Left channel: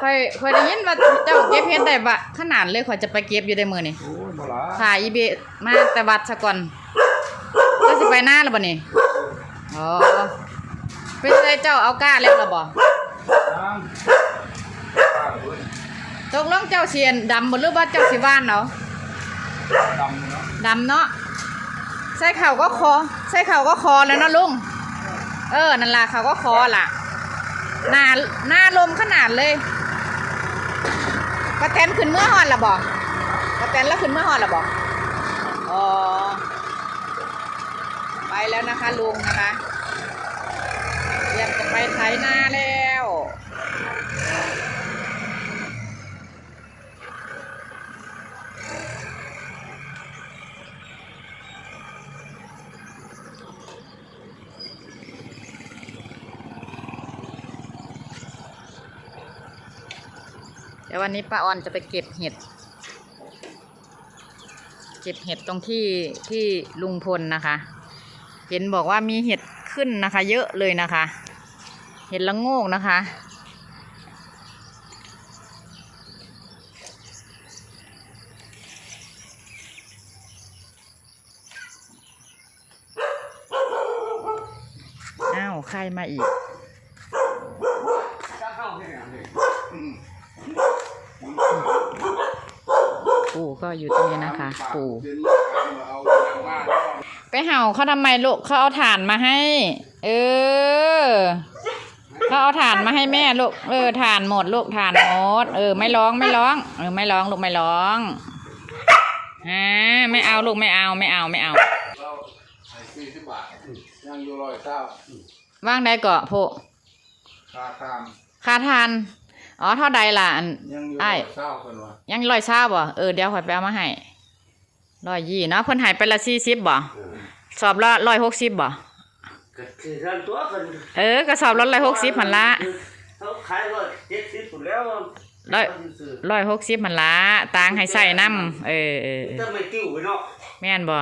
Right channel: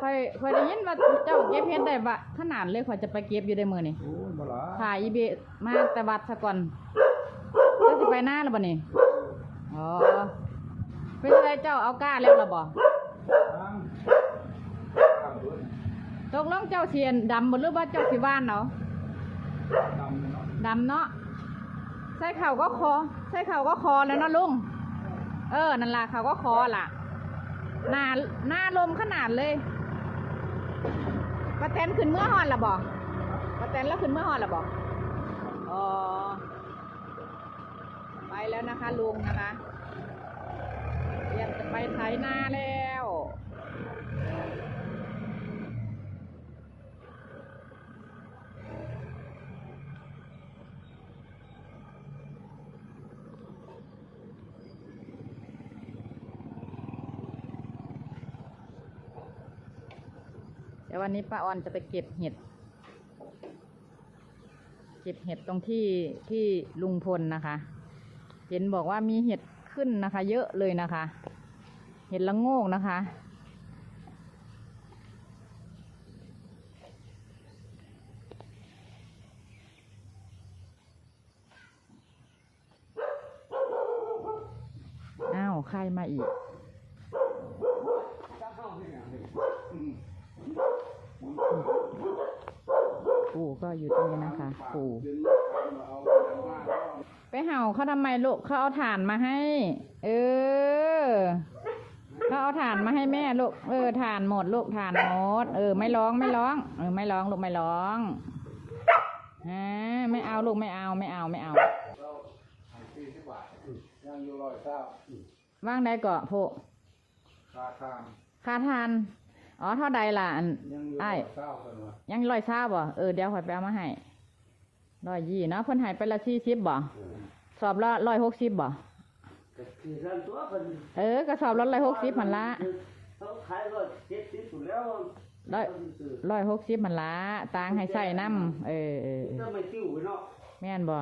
ค่อยค่อยได้ยินว่าเจ้าเก็บเฮ็ดได้บะขนาดเลยข่อยจะไปเก็บอยู่ได้มื้อนี่โอ้ยบ่ล่ะถ่ายอีเบะมาแต่วัดซะก่อนจะสิไปหน้าแล้วบ่นี่อ๋อเป็นไรเจ้าเอาก้าแล้วล่ะบ่ทางทางเว้ยตกลงเจ้าเสียนดำบ่หรือว่าเจ้าสิว่านเอาดำเนาะดำเนาะใส่เข่าก็คอใส่เข่าก็คอแล้วเนาะลุง เออ นั่นล่ะเขาก็คอล่ะ หน้าหน้าลมขนาดเลยกระแตนขึ้นเมื่อหอนละบอกระแตนแล้วขึ้นเมื่อหอนละบ่อ๋อไปแล้วนะคะลุงนะคะเตรียมจะไปไถนาแล้ว เดี๋ยววันนี้ป้าออนจะไปเก็บเห็ด เก็บเห็ดตรงที่ที่ลุงพลนะคะ เห็นบอกว่ามีเห็ดขึ้นนะคะ เยอะเลยนะคะ เห็ดละโงกนะคะ อ้าว ใครมาอีก ปู่ก็อยู่ตรงนี้นะคะ ปู่เดินมาเอาอย่างมากเนาะไปเห่าเขาทำไมลูกเขาเอาถ่านมาให้ เออเขาเอาถ่านมาให้แม่ลูกเออถ่านหมดลูกถ่านหมดเออไม่ร้องไม่ร้องเออไม่ร้องลูกไม่ร้องฮะไม่เอาลูกไม่เอาไม่เอาไม่เอาเราให้สี่สิบบาทยังอยู่ร้อยเก้าว่างได้เกาะโพค่าทางค่าทาน อ๋อเท่าใดล่ะอัน ยังอยู่อ้ร้าอยยเก้าคนวะยังร้อยเช้าบ่เออเดี๋ยวข่อยไปเอามาให้ร้อยยี่เนาะเพิ่นใหายไปละสี่สิบบ่สอบละร้อยหกสิบบ่ ก็คือท่านตัวกันเออกระสอบละร้อยหกสิบพันละเขาขายร้อยเจ็ดสิบอยู่แล้วร้อยเขาซื้อร้อยหกสิบพันละตางให้ใส่น้ำเออเออเออถ้าไม่ติ้วไปเนาะแม่นบ่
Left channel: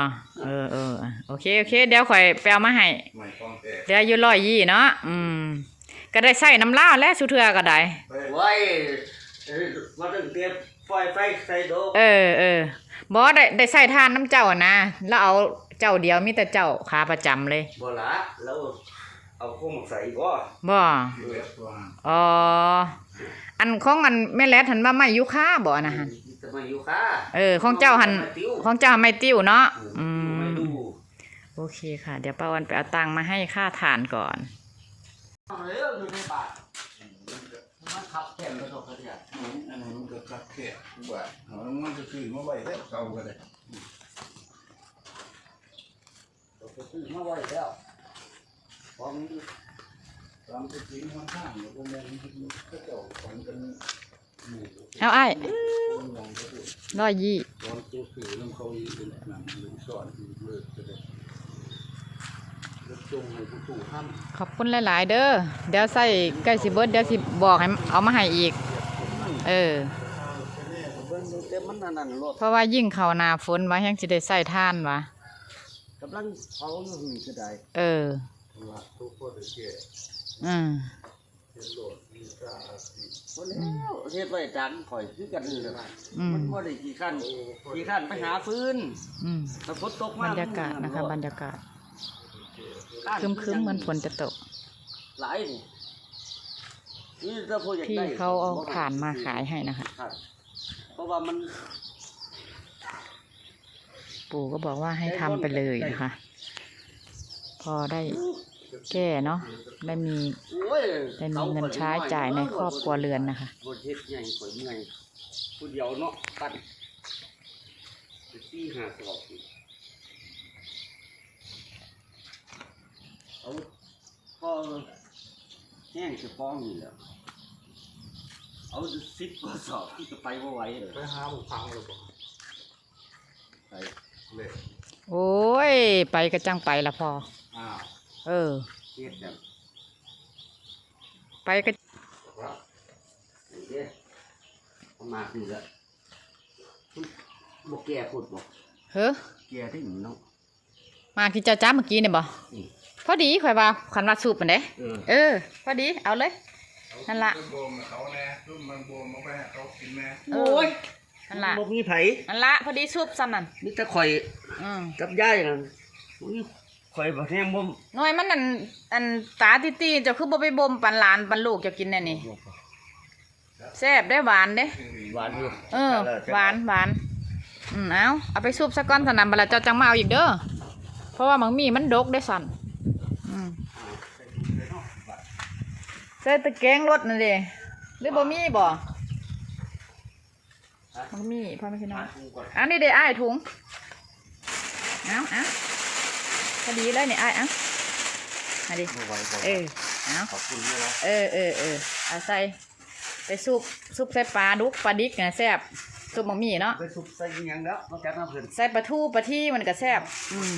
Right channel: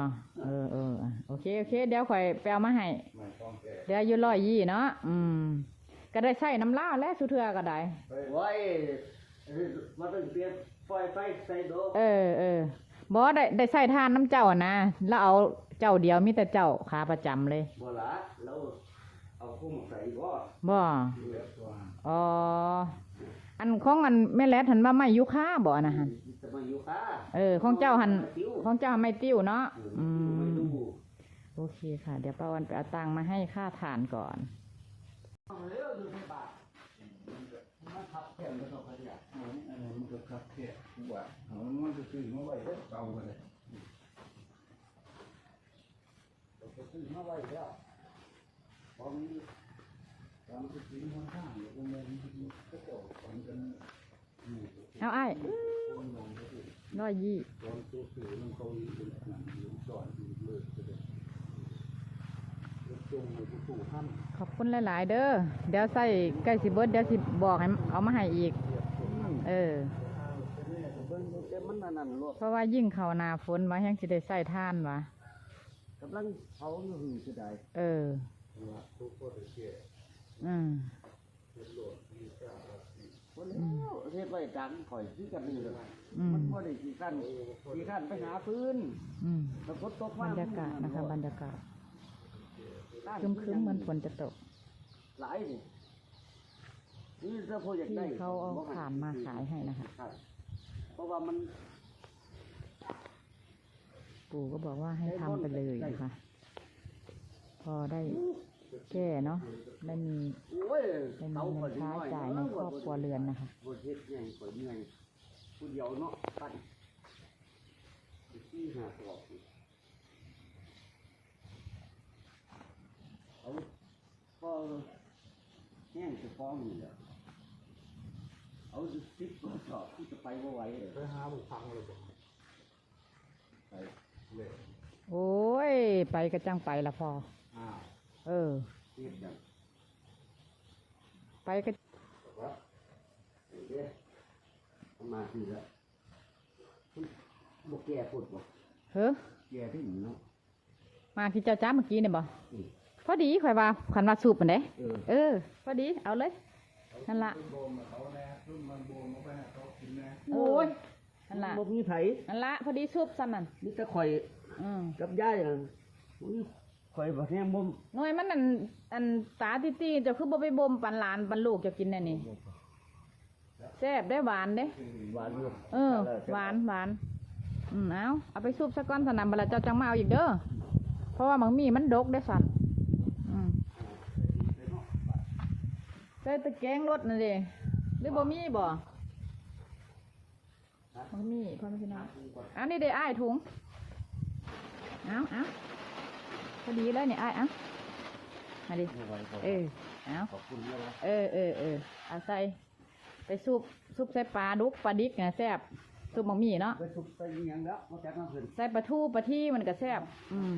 เออเออโอเคโอเค เดี๋ยวข่อยไปเอามาให้ ไม่ต้องแก่เดี๋ยวอยู่ร้อยยี่เนาะ อืม ก็ได้ใส่น้ำลาวและสุเทือก็ได้ไปไว้เอ้ยมาตั้งเตรียมไฟไฟใส่โดกเออเออบ่ได้ได้ใส่ทานน้ำเจ้าอะนะแล้วเอาเจ้าเดียวมีแต่เจ้าขาประจำเลยบ่ละแล้วเอาโคมใส่บ่บ่เลือดตัวอ๋ออันของอันแม่แลดหันว่าไม่ยุค่าบ่นะหันจะมาอยู่ค่ะเออของเจ้าหันไม่ติ้วของเจ้าไม่ติ้วเนาะอืไม่มดูโอเคค่ะ เดี๋ยวป้าวันไปเอาตังค์มาให้ค่าฐานก่อน เอาแล้วอยู่ในป่ามันขับแข่งกระทบกระเทือนอันนั้นมันก็คักแค่ว่าเอามันจะซื้อมาไว้ได้เก่าก็ได้เราไปซื้อมาไว้แล้วพร้อมนี้ตามที่จริงค่อนข้างแล้วก็มองที่ก็เจ้าฝันกันหมู่เอาไอ้คนมองก็คือร้อยยี่ตอนตัวสื่อน้ำเขาอีกเป็นหนังหรือสอนอีกเลย จะได้แล้วจงในผู้ถูกห้ามขอบคุณหลาย ๆ เด้อเดี๋ยวใส่ใกล้สิเบิดเดี๋ยวสิบอกให้เอามาให้อีก เออ เบิ่งดูแต่มันนั่นนั่นรถเพราะว่ายิ่งเข้าหน้าฝนว่ายังสิได้ใส่ท่านวะกำลังเผาอยู่นี่ก็ได้เออว่าทุกคนได้แก่อืมเป็นโหลดมีกล้าอาศีบ่แล้วเฮ็ดไว้ดังข่อยคือกันนี่แหละอืมมันบ่ได้กี่ขั้นกี่ขั้นไปหาฟืนอืม ถ้าฝนตกบมารรยากาศนะคะ บรรยากาศ ครึ้มๆเหมือนฝนจะตก หลายนี่นี่ถ้าผู้อยากพี่ได้เขาเอาถ่านมาขายให้นะคะ ครับเพราะว่ามันปู่ก็บอกว่าให้ทำไปเลยนะคะ พอได้แก้เนาะได้มีโอ้ยได้มีเงินใช้จ่ายในครอบครัวเรือนนะคะบ่เฮ็ดใหญ่ข่อยเมื่อยผู้เดียวเนาะปั้นที่หาสอบ เอาพอแห้งจะฟ้องนี่แหละเอาสิบกว่าสอบที่จะไปบ่ไหวเลยไปหาบุกพังเลยบ่ไปเลยโอ้ย ไปก็จังไปละพอ อ้าวเออเฮ็ดแบบไปก็ว่าเด้เอามาคือละบ่แก่พูดบ่เฮ้อแก่ที่เนาะมาที่เจ้าจ้าเมื่อกี้เนี่ยบ่อืม พอดีข่อยว่าขันว่าสูบมันเด้เออ เออ พอดีเอาเลยเนั่นละโบมเขาแน่ซุ่มมันโบมเอาไปให้เขากินแน่เออนั่นละบ่มีไผนั่นละพอดีซุปซ้ำนั่นมีแต่ข่อยอืมกับยายนั่นอุ้ยข่อยบ่แห้งบ่หน่วยมันอันอันตาติตีๆเจ้าคือบ่ไปบ่มปันหลานปันลูกเจ้ากินแน่นี่แซ่บได้หวานเด้ หวานอยู่เออหวานหวานอืมเอาเอาไปซุปซะก่อนสนามบดละเจ้าจังมาเอาอีกเด้อเพราะว่ามังมีมันดกได้สั่นอืมใส่ตะแกรงรถนั่นเด้หรือบ่มีบ่มังมีพ่อไม่ใช่น้อยอันนี้เด้อ้ายถุงเอาเอาพอดีเลยนี่อ้ายเอามาดิบ่ไหวบ่เออเอาขอบคุณด้วยนะเออเออเออเอาใส่ไปซุปซุปใส่ปลาดุกปลาดิกนะแซ่บซุปมังมีเนาะไปสุกใส่อิหยังแล้วนอกจากน้ำเพิ่นใส่ปลาทูปลาที่มันก็แซ่บอืม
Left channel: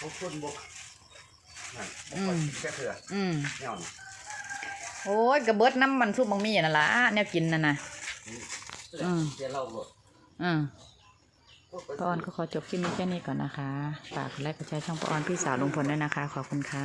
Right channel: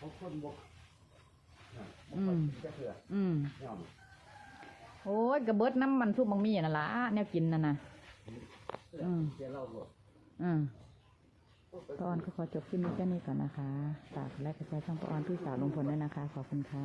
ขอบคุณบ่นั่น อืม แค่เถื่ออืม แนวนี้โอ้ยกระเบิดน้ำมันซุปมังมีนั่นล่ะแนวกินนั่นน่ะ อืม เดี๋ยวเราหมด อืมป้าออนก็ขอจบคลิปนี้แค่นี้ก่อนนะคะ ฝากกดไลค์กดแชร์ช่องป้าออนพี่สาวลุงพลด้วยนะคะ ขอบคุณค่ะ